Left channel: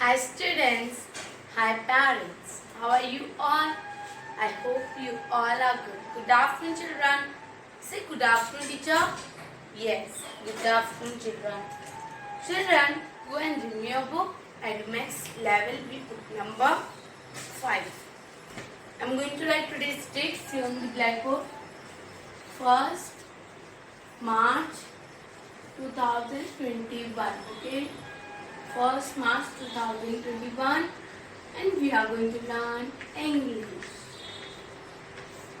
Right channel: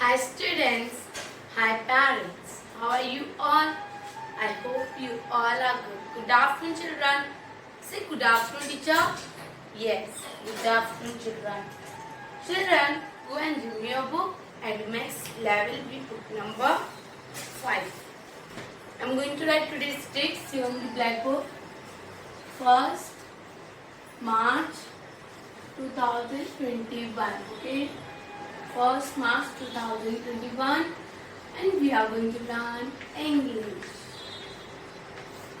Hi students, hi parents, how are you all? I hope you all are good. Good afternoon children. Say good afternoon teacher. Yes, good afternoon children. Children, go and read me your book. Advanced level B book number 5. I am going to write today's text here on the blackboard. 1st March 2021. Okay. 1st March 2021 and we are going to learn English.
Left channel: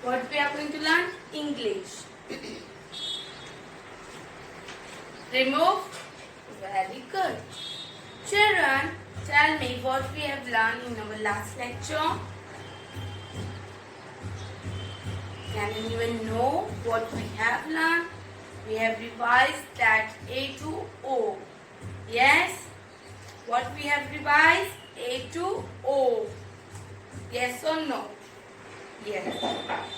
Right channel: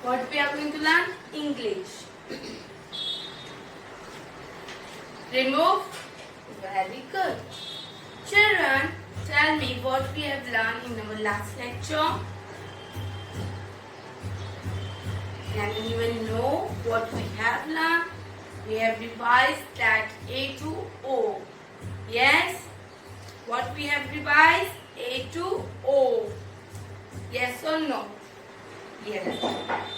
What we are going to learn? English. Remove. Very good. Children, tell me what we have learned in our last lecture. Can anyone know what we have learned? We have revised that A to O. Yes? What we have revised? A to O. Yes or no? Yes.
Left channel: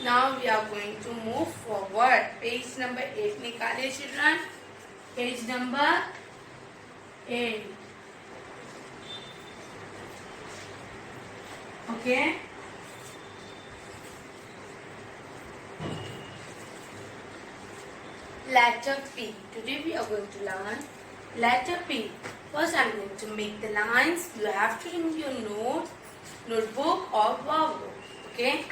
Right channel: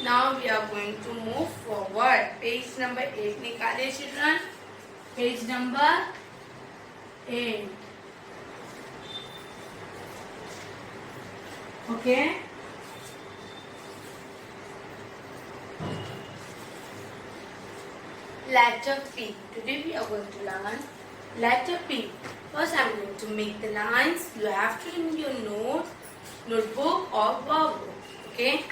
Now we are going to move forward. Page number 8 निकालिए children. Page number 8. Okay. Letter P. Today we are going to learn letter P. First I am going to make the lines. You have to remove your notebook or workbook. Okay.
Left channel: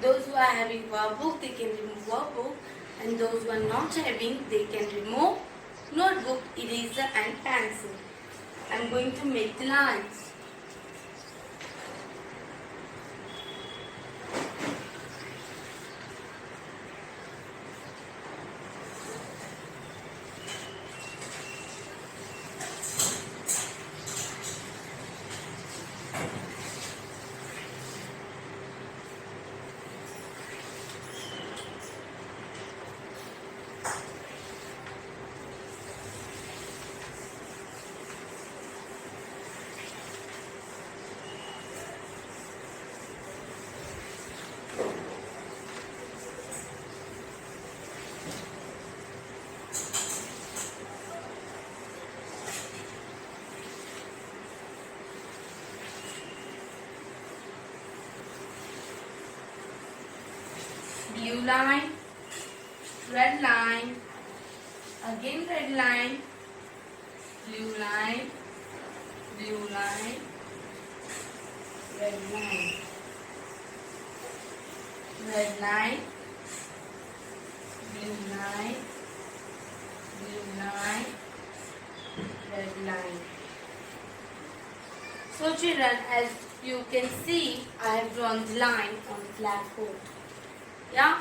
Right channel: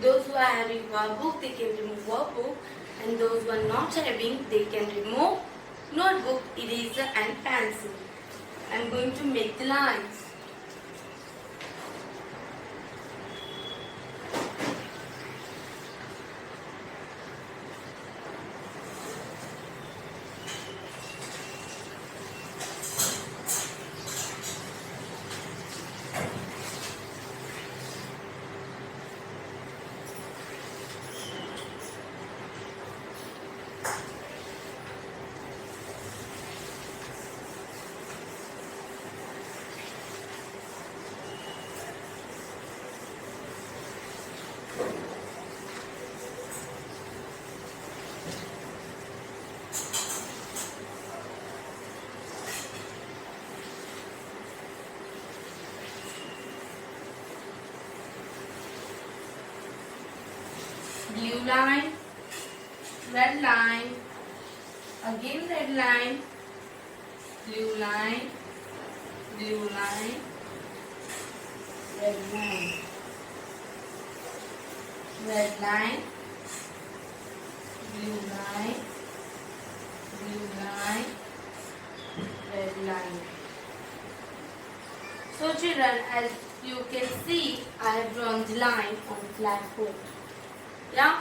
Those who are having workbook, they can remove workbook, and those who are not having, they can remove notebook, eraser and pencil. I am going to make the lines. Blue line, red line, again red line, blue line, blue line, red line, red line, blue line, blue line, red line. So children, as you can see, I have drawn the line on the blackboard. Yeah,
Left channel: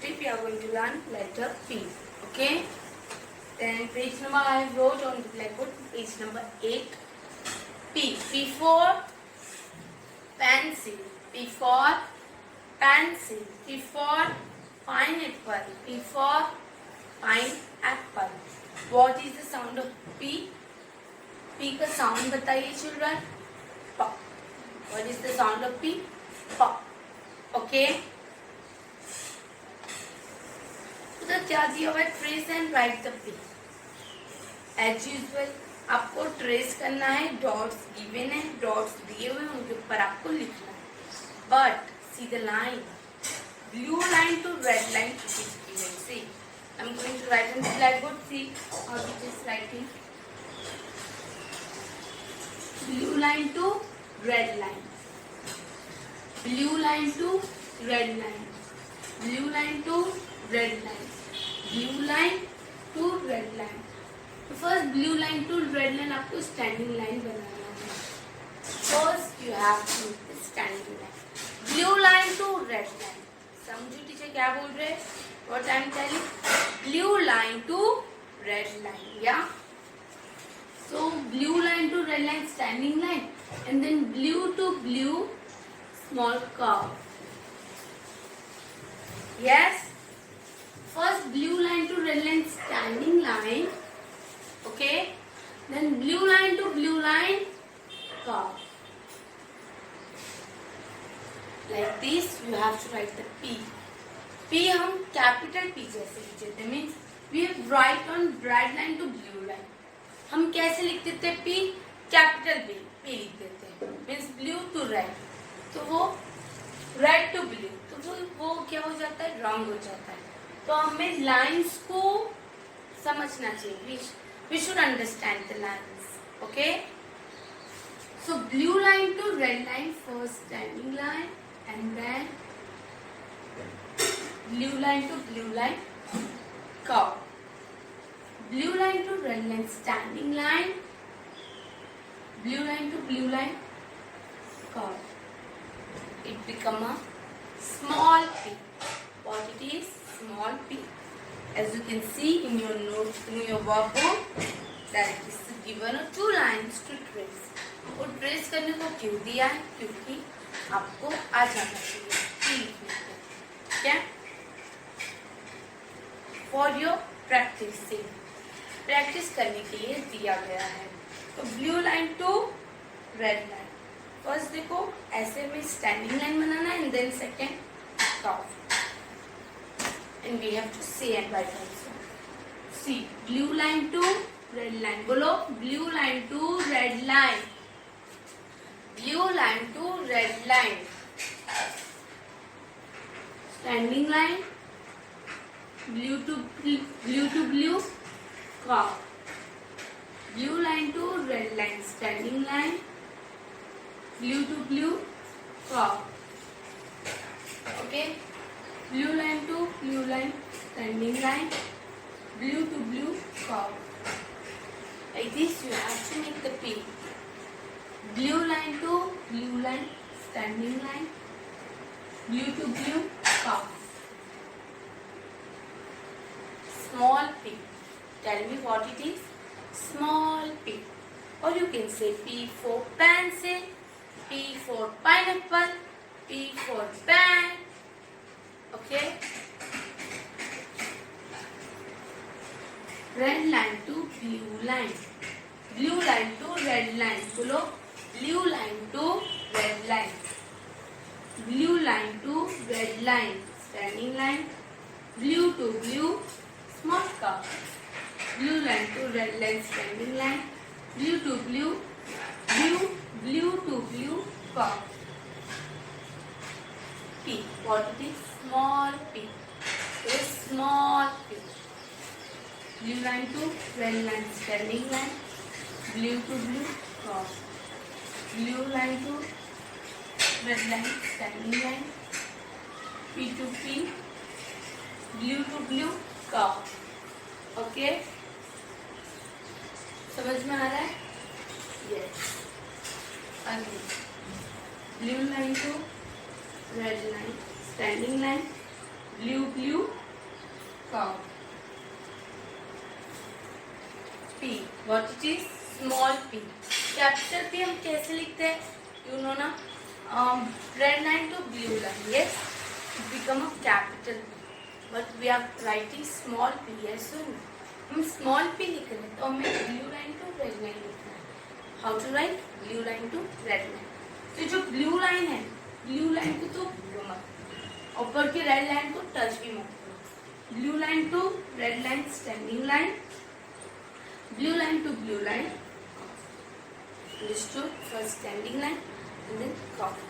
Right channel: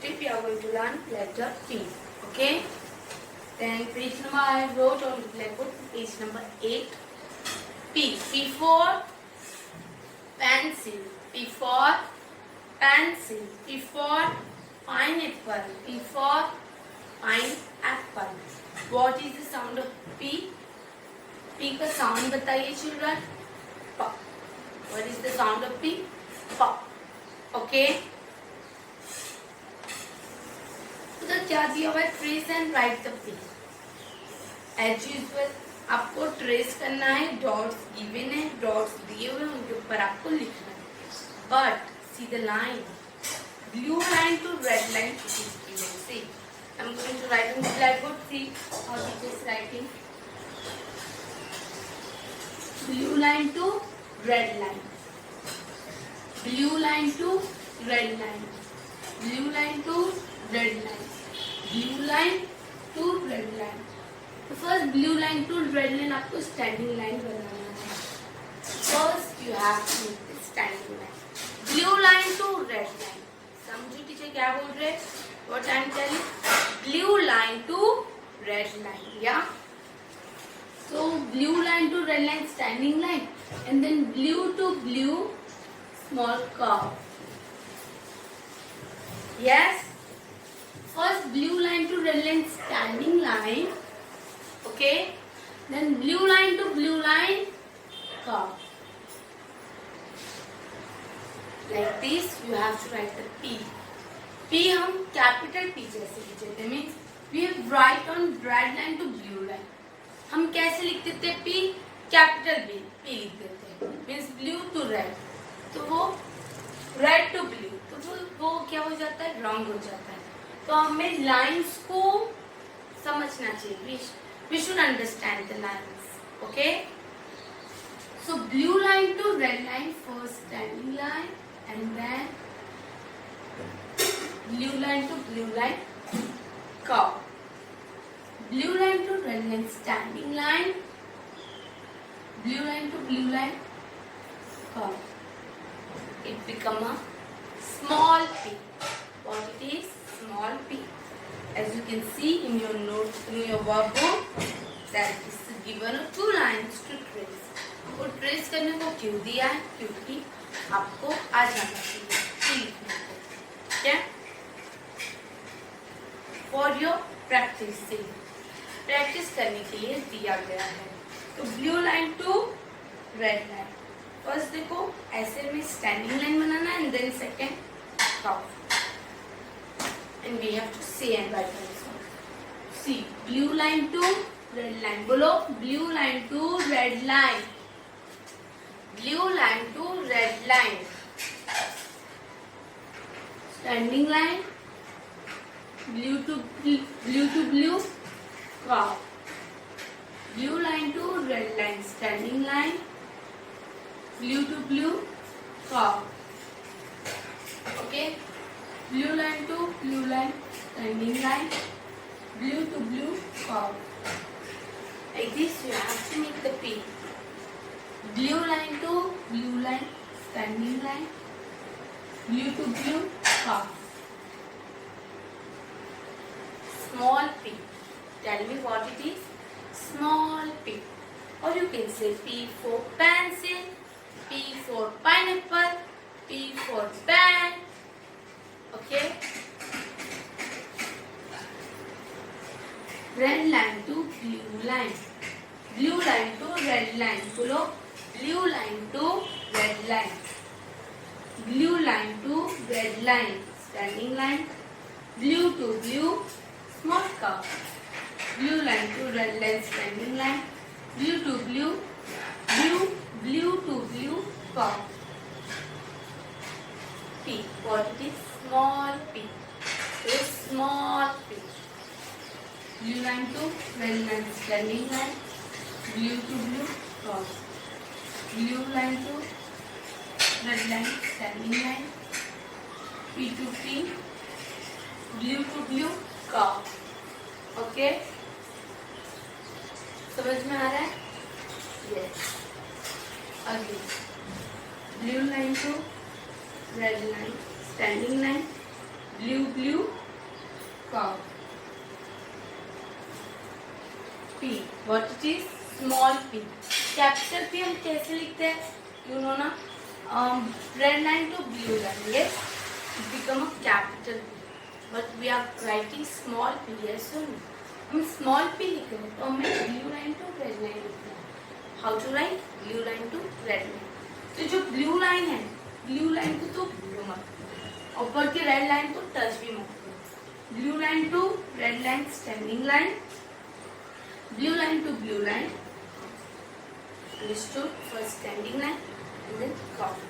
today we are going to learn letter P. Okay, then page number I wrote on the blackboard, page number 8. P. P for pencil. P for pencil. P for pineapple. P for pineapple. What is the sound of P? P का sound बताइए children. P. What is the sound of P? P. Okay. उधर क्या दिया हुआ है? Trace and write the P. As usual आपको trace करना है. डॉट्स गिवन है, डॉट्स दिए हुए, उनके ऊपर आपको लिखना है. But see the line, blue line to red line it is given. See I am going to write on the blackboard. See how it is writing. Blue line to red line, blue line to red line, blue line to red line, blue line to red line. तो first blue line to red line आपको standing line बनाना है. First you have to make the standing line. Blue line to red line. समझो teacher क्या बोल रहे हैं? What I am telling? Blue line to red line. Yeah. So blue line to red line standing line, and then blue to blue small curve. Yes. First blue line to red line standing line. Okay. Then blue line to blue line curve. Like this you have to write the P. P हम capital P जैसे लिखते हैं. Means we write on red line to blue line. हम कैसे लिखते थे P? Capital B लिख देते हैं, मीन्स ब्लू टू रेड, तो वो रेड टू ब्लू, तो वो क्या हो जाता है, रॉन्ग हो जाता है। तो हमें लाइंस को समझना चाहिए, we should understand the lines, okay? So blue line to red line, first standing line, and then blue line to blue line, curve. Blue line to red line, standing line, blue line to blue line, curve. It become a small p. What it is? Small p. As you can see in your notes, in your workbook, that it is given 2 lines to trace. और trace करने को क्यों दिया है? क्योंकि आपको आ जाना चाहिए क्या, फॉर योर प्रैक्टिसिंग, प्रैक्टिस करने के लिए दिया गया है। तो blue line to red line, first देखो ऐसे में स्टैंडिंग लाइन बनाना and then second curve, and we have to see and right also. See blue line to red line, बोलो blue line to red line, blue line to red line, standing line, blue to blue, curve, blue line to red line, standing line, blue to blue, curve, okay, blue line to blue line, standing line, blue to blue, curve. Like this you have to make the P. Blue line to blue line, standing line, blue to blue, curve. Small p. Tell me what it is? Small p. Or you can say P for pencil, P for pineapple, P for pen. Okay? Red line to blue line. Blue line to red line. बोलो blue line to red line, blue line to red line, standing line, blue to blue, small curve, blue line to red line, standing line, blue to blue, blue to blue, curve. P, what it is? Small p. Very small p. Blue line to red line, standing line, blue to blue, curve. Blue line to red line, standing line, P to P, blue to blue, curve. Okay? समझ में आ रहा है? Yes. Again, blue line to red line, standing line, blue, curve. P. What it is? Small p. Capital p हम कैसे लिखते हैं? You know ना? Red line to blue line. Yes, it become a capital P. But we are writing small p. Yes or no? हम small p लिख रहे हैं तो हमें blue line to red line लिखना है. How to write? Blue line to red line. तो जो blue line है, blue line को तो blue मत, ऊपर के red line को touch भी मत करो. Blue line to red line, standing line, blue line to blue line. Understood? First standing line and then curve.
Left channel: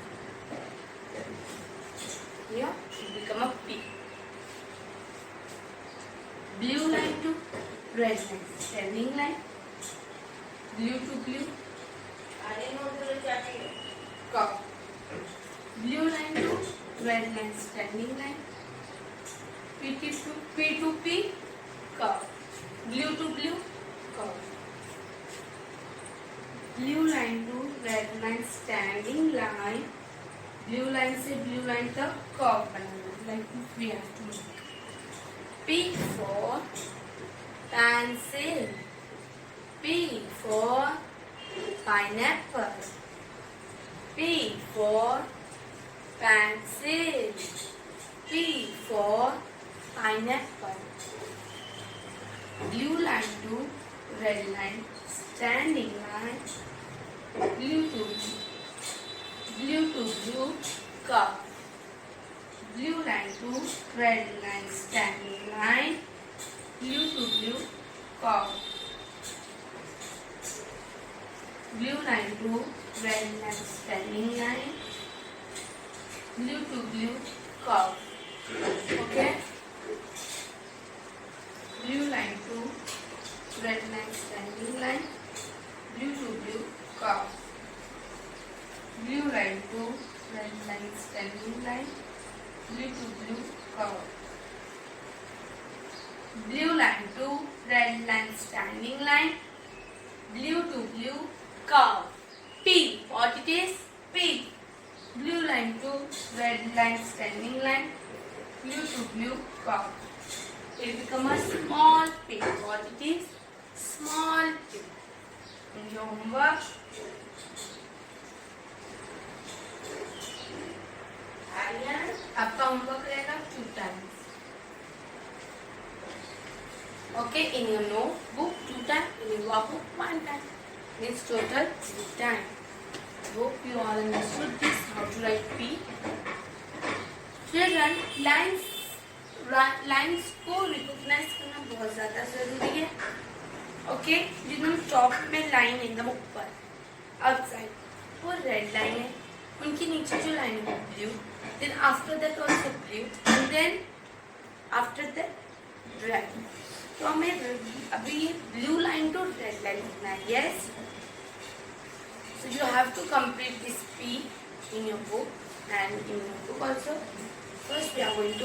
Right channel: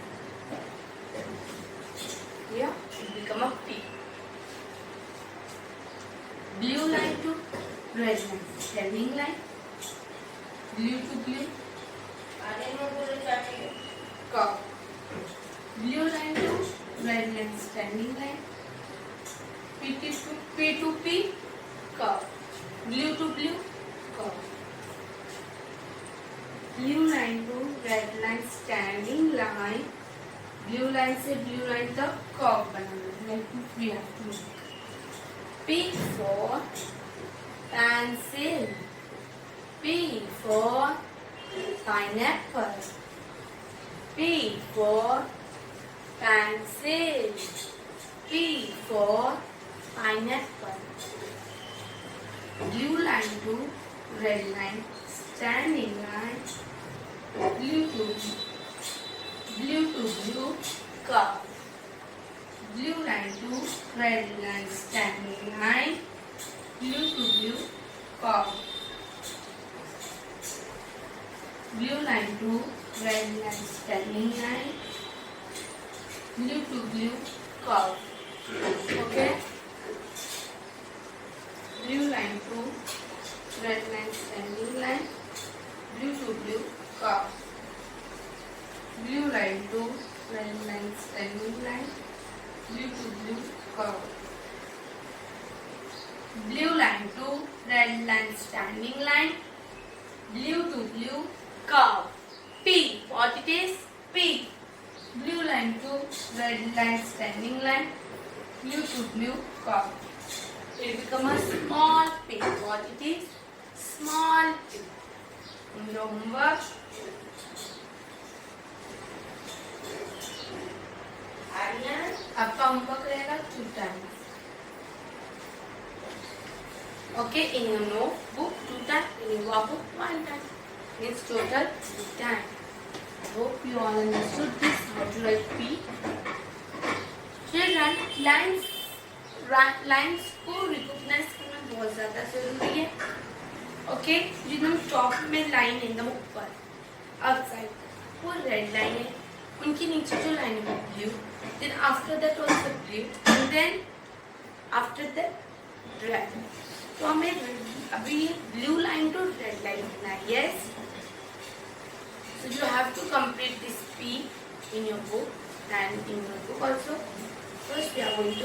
Here it become a P. Blue line to red line, standing line, blue to blue, curve. Blue line to red line, standing line, P to P, curve. Blue to blue, curve. Blue line to red line, standing line, blue line से blue line तक curve बनाना है, like we have to make. P for pencil, P for pineapple, P for pencil, P for pineapple. Blue line to red line, standing line, blue to blue, curve. Blue line to red line, standing line, blue to blue, curve. blue line to red line, standing line, blue to blue curve. Okay, blue line to red line, standing line, blue to blue curve, blue line to red line, standing line, blue to blue curve, blue line to red line, standing line, blue to blue curve. P, what it is? P, blue line to red line, standing line, blue to blue curve. It become a small p. What it is? Small p. In your homework, आपका homework रहेगा 2 times. Okay, in your notebook 2 times, in your workbook 1 time. Means total 3 times. I hope you all understood this, how to write P. Children, lines को recognize करना बहुत ज़्यादा ज़रूरी है. Okay, जिनमें top में लाइन एकदम ऊपर आउटसाइड वो रेड लाइन है, उनके नीचे जो लाइन है वो blue, then after that also blue, and then after that red. तो हमें अभी blue line to red line लिखना है. Yes, so you have to complete this P in your book and in your book also. First we are going to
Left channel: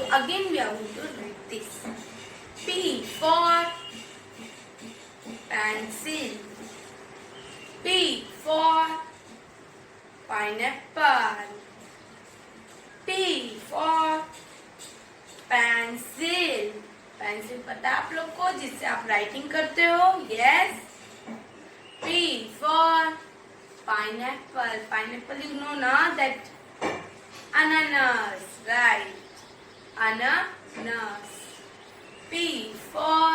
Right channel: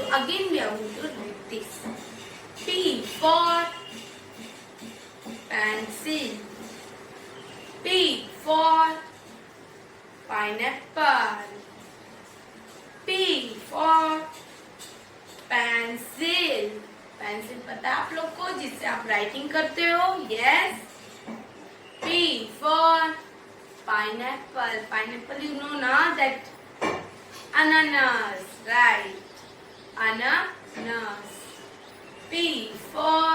read this. P for pencil. P for pineapple. P for pencil. Pencil पता है आप लोग को, जिससे आप writing करते हो. Yes. P for pineapple. Pineapple, you know na that ananas, right? Ananas. P for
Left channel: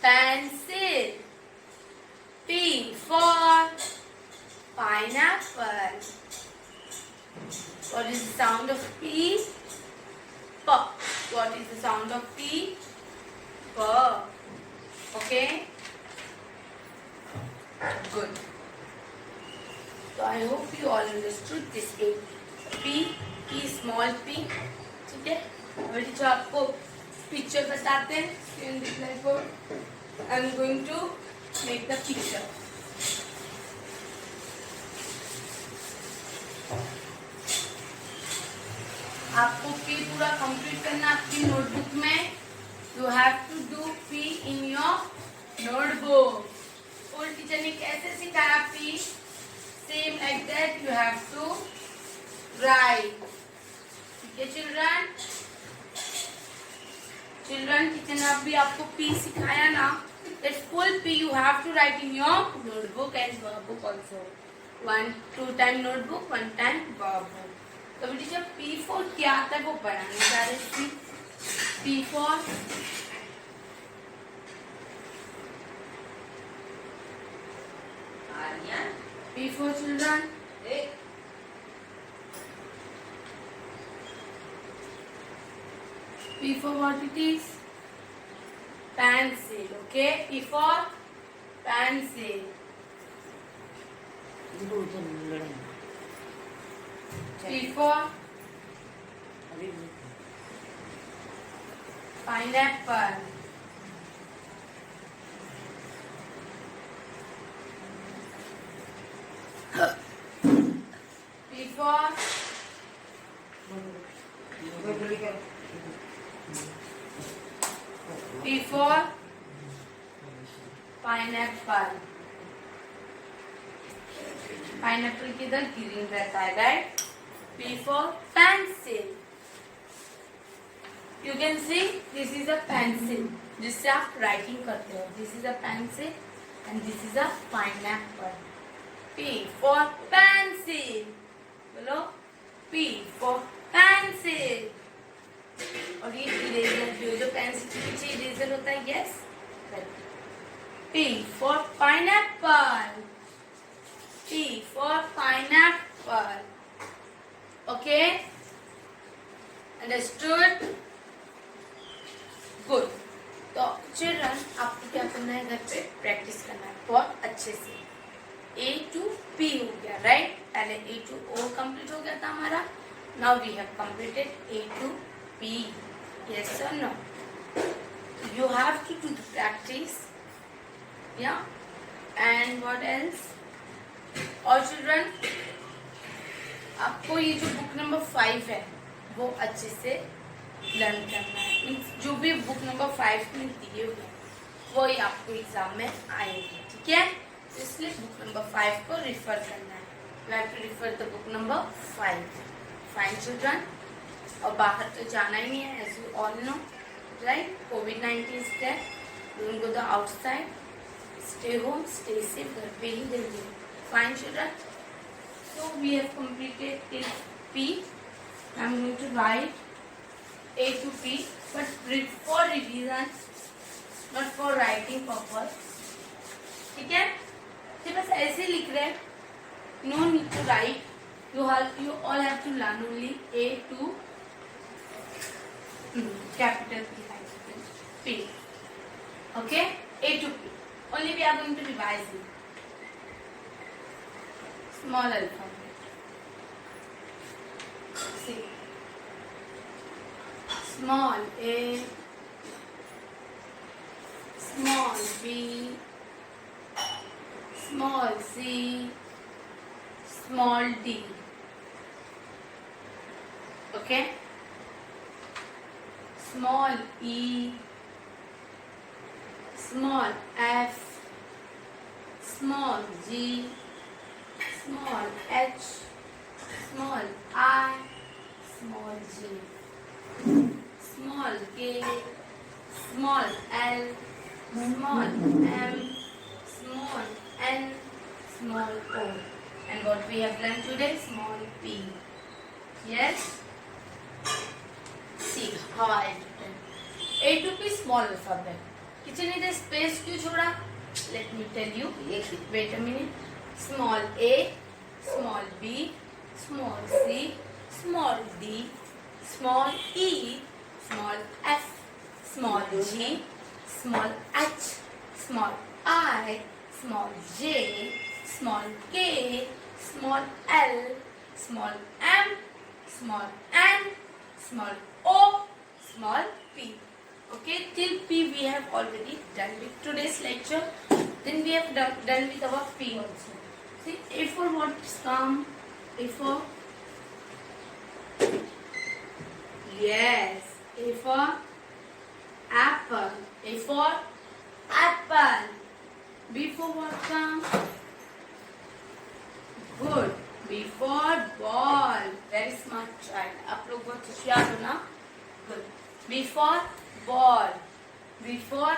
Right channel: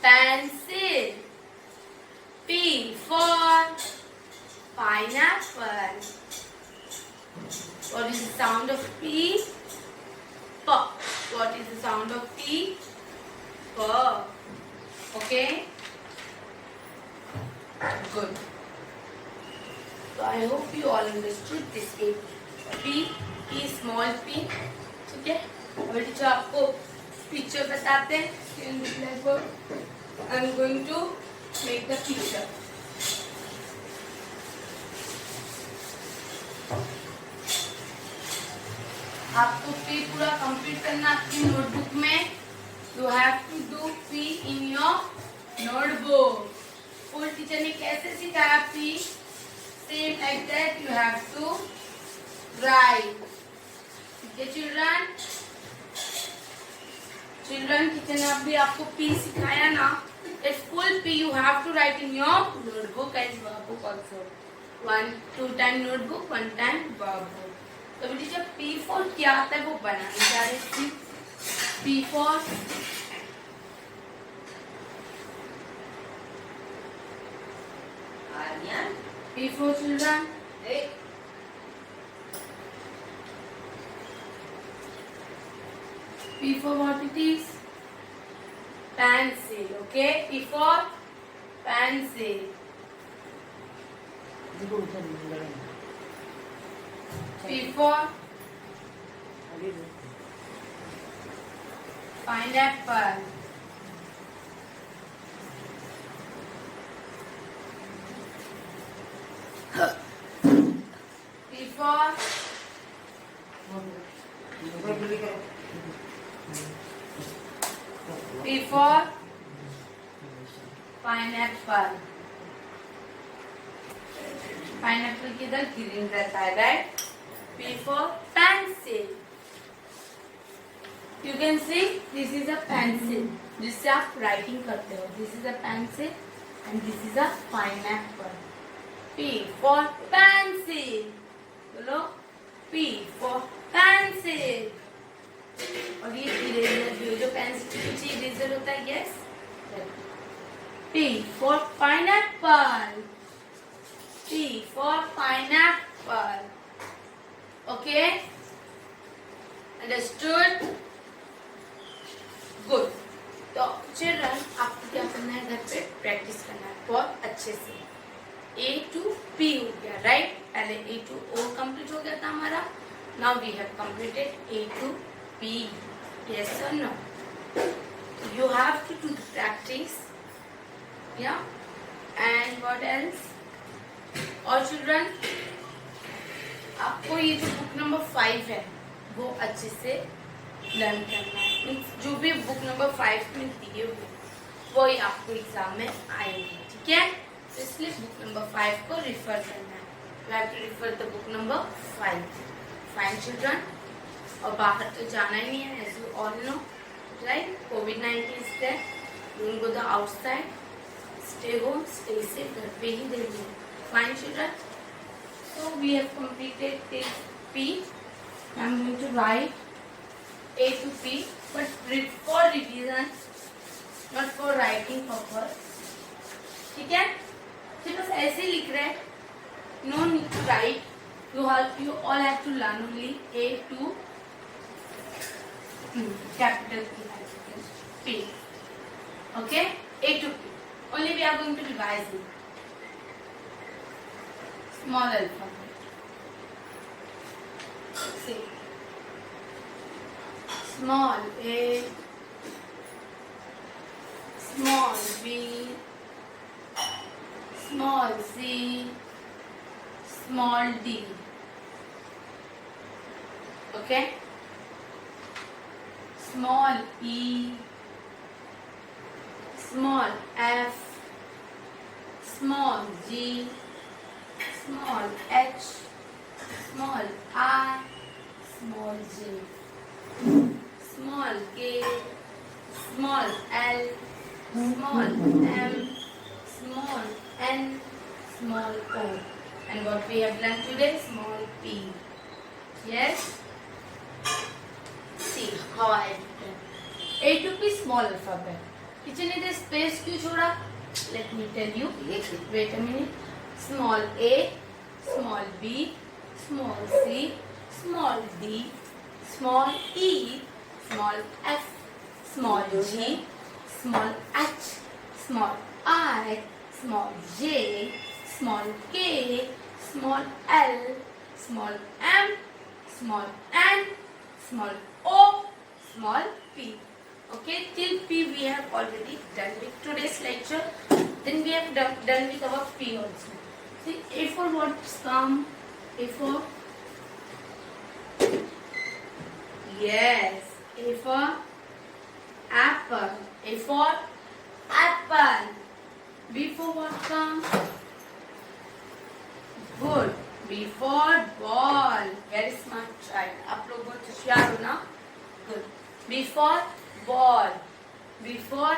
pencil. P for pineapple. What is the sound of P? P. What is the sound of P? P. Okay? Good. So I hope you all understood this P. P, small p. ठीक है? अभी जो आपको picture बताते हैं, in the blackboard, I'm going to make the picture. आपको P पूरा complete करना आपकी नोटबुक में. You have to do P in your notebook. School teacher ने कैसे सिखाया P, same exact you have to write. ठीक है चिल्ड्रन? टीचर ने अभी आपको P सिखाया ना. It's full P you have to write in your notebook and workbook also. 2 time notebook, 1 time workbook. तो बेटी जब P4 क्या आता है वो बनाने जा रहे हैं. P4 children. P4 what it is? Pencil. Okay, P4 pencil. P4 pineapple. P4 pineapple. Pineapple किधर ग्रीन रहता है, right? P for pencil. You can see this is a pencil जिससे आप राइटिंग करते हो. This is a pencil and this is a pineapple. P for pencil. बोलो P for pencil. और ये इरेजर जो पेंसिल के पीछे इरेजर होता है, yes. P for pineapple. P for pineapple. Okay? Understood? Good. तो चिल्ड्रन आपको क्या करना है, घर पे प्रैक्टिस करना है बहुत अच्छे से. P हो गया, राइट? पहले A to O कंप्लीट हो गया था हमारा. Now we have completed A to P. Yes or no? You have to do the practice. Yeah. And what else? और children, आपको ये जो बुक नंबर 5 है वो अच्छे से लर्न करना है. मीन्स जो भी बुक नंबर 5 में दिए हुए वो ही आपको एग्जाम में आएंगे. ठीक है? तो इसलिए बुक नंबर 5 को रिफर करना है. You have to refer the book number 5. Fine children. और बाहर तो जाना ही नहीं है, as you all know, right? कोविड-19 is there. Don't go the outside. Stay home, stay safe. घर पे ही रहिए. Fine children. So we have completed till P. I'm going to write A to P, but for revision, not for writing purpose. ठीक है? तो बस ऐसे लिख रहे हैं. No need to write. You all have to learn only A to capital P. Okay? A to P. Only we are going to revise it. Small alphabet. See. Small A, small B, small C, small D. Okay? Small E, small F, small G, small h, small I, small j, small k, small l, small m, small n, small o. And what we have learned today? Small p. Yes? See how I have written. A to P small alphabet. किसी ने दे space क्यों छोड़ा? Let me tell you. Wait a minute. Small a, small b, small c, small d, small e, small f, small g, small h, small I, small j, small k, small l, small m, small n, small o, small p. Okay, till P we have already done with today's lecture. Then we have done with our P also. See, A for what's come? A for? Yes, A for apple. A for apple. B for what come? Good. B for ball. Very smart child. आप लोग बहुत होशियार हो ना? Good. B for ball. B for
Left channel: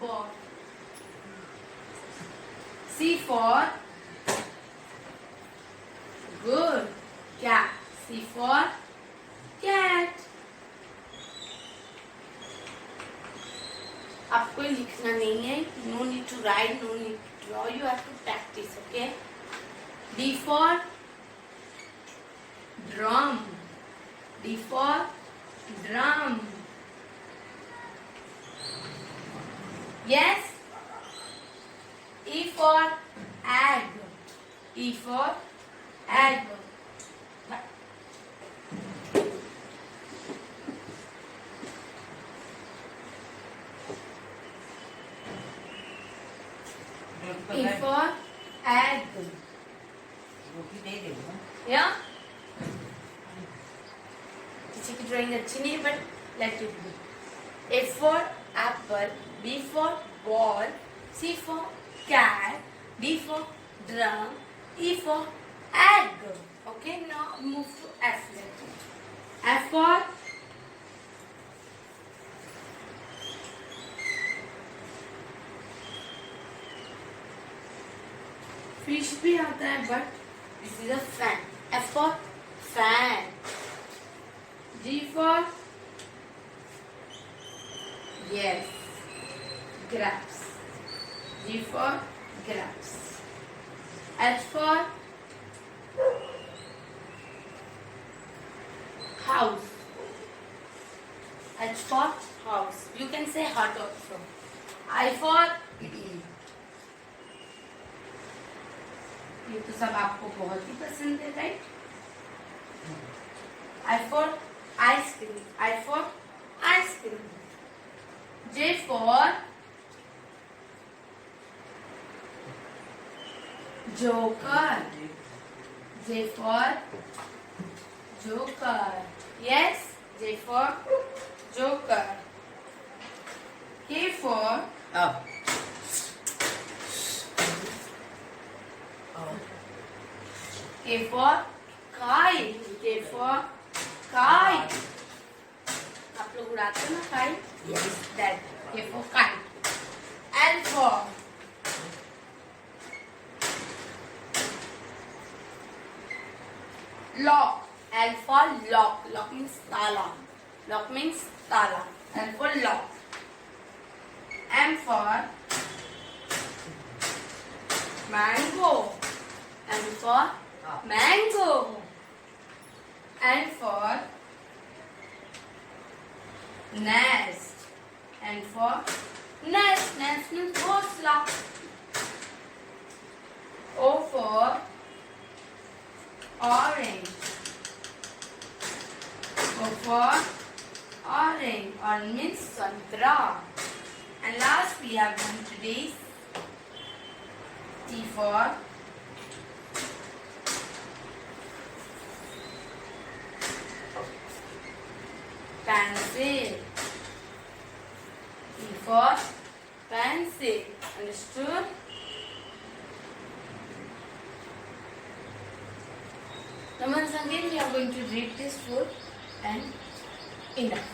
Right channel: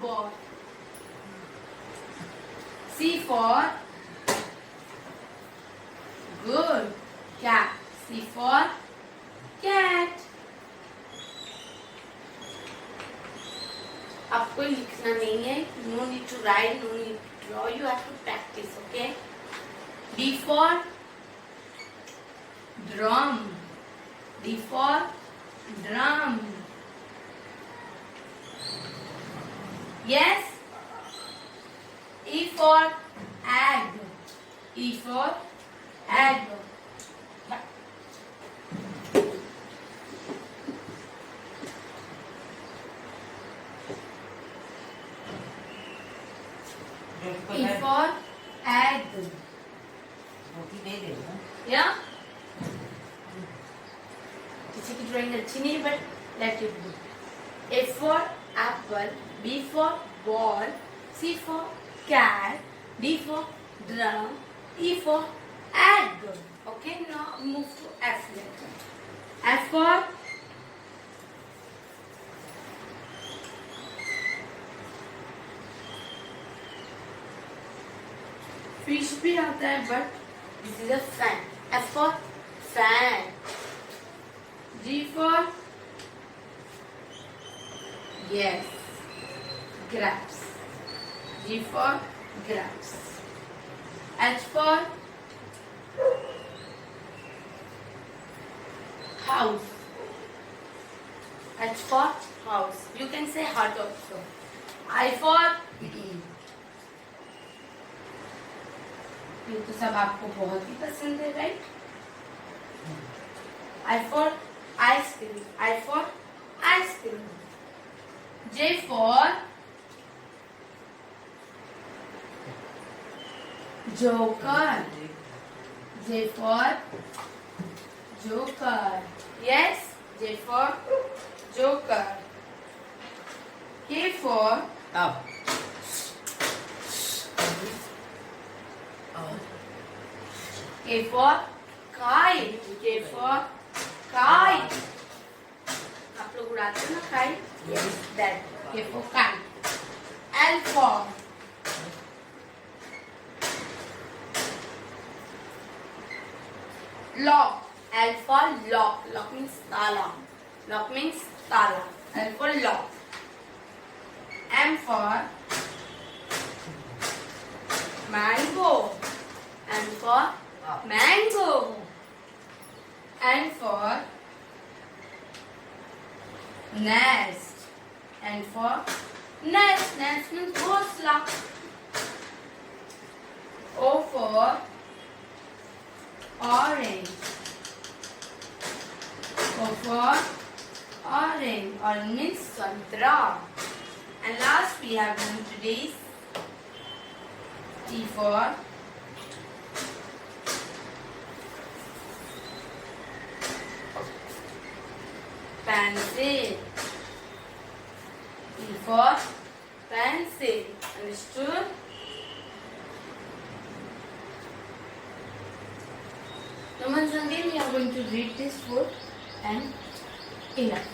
ball. C for good. Cat. C for cat. आपको लिखना नहीं है. No need to write. No need to draw. You have to practice. Okay. D for drum. D for drum. Yes. E for egg. E for egg. Yeah. E for egg. Yeah. किसी की drawing अच्छी नहीं है, but let it be. A for apple. B for ball. C for cat. D for drum. E for egg. Okay, now move to F letter. F for fish भी आता है, but this is a fan. F for fan. G for yes, grapes. G for grapes. H for house. H for house. You can say hut also. I for ये तो सब आपको बहुत ही पसंद है, right? I for ice cream. I for ice cream. J for joker. J for joker. Yes, J for joker. K for Up. K for kite. K for kite. आप लोग उड़ाते हैं ना kite? Yes. That. K for kite. L for lock. L for lock. Lock means tala. Lock means tala. L for lock. M for mango. M for mango. N for nest. N for nest. Nest means ghosla. O for orange. O for orange. Orange means santra. And last we have done today's T for pencil. T for pencil. Understood? Now once again we are going to read this word and enough.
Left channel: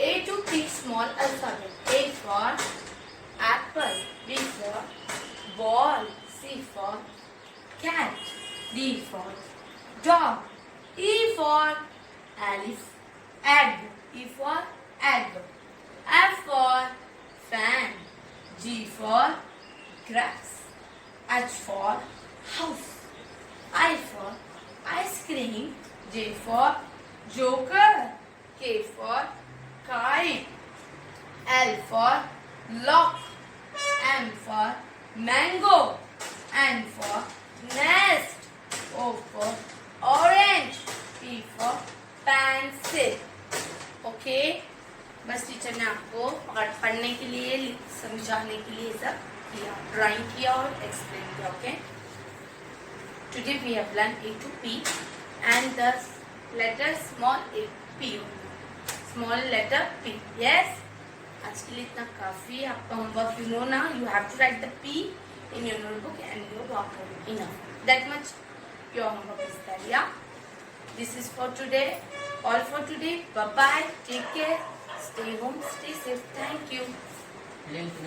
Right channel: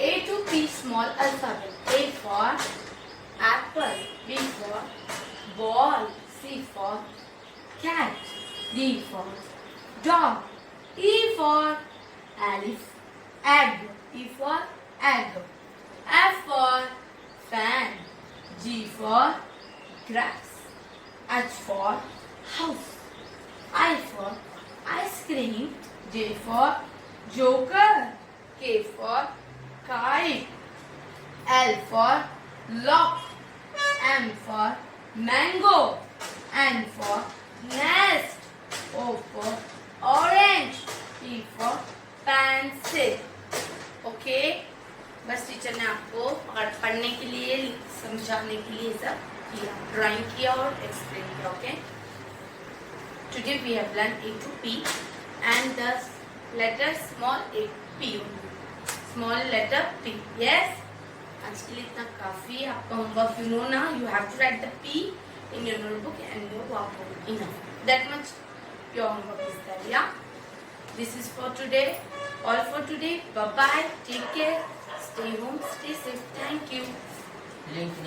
A to P small alphabet. A for apple. B for ball. C for cat. D for dog. E for egg. E for egg. F for fan. G for grass. H for house. I for ice cream. J for joker. K for kite. L for lock. M for mango. N for nest. O for orange. P for pencil. Okay, बस teacher ने आपको पढ़ने के लिए समझाने के लिए सब किया, ड्राइंग किया और एक्सप्लेन किया. Okay, today we have learn A to P and the letter small a P only. Small letter P. Yes. आज के लिए इतना काफी. आपका होमवर्क यू नो ना, you have to write the P in your notebook and your workbook. Enough. That much your homework is there. Yeah. This is for today. All for today. Bye bye. Take care. Stay home. Stay safe. Thank you. Link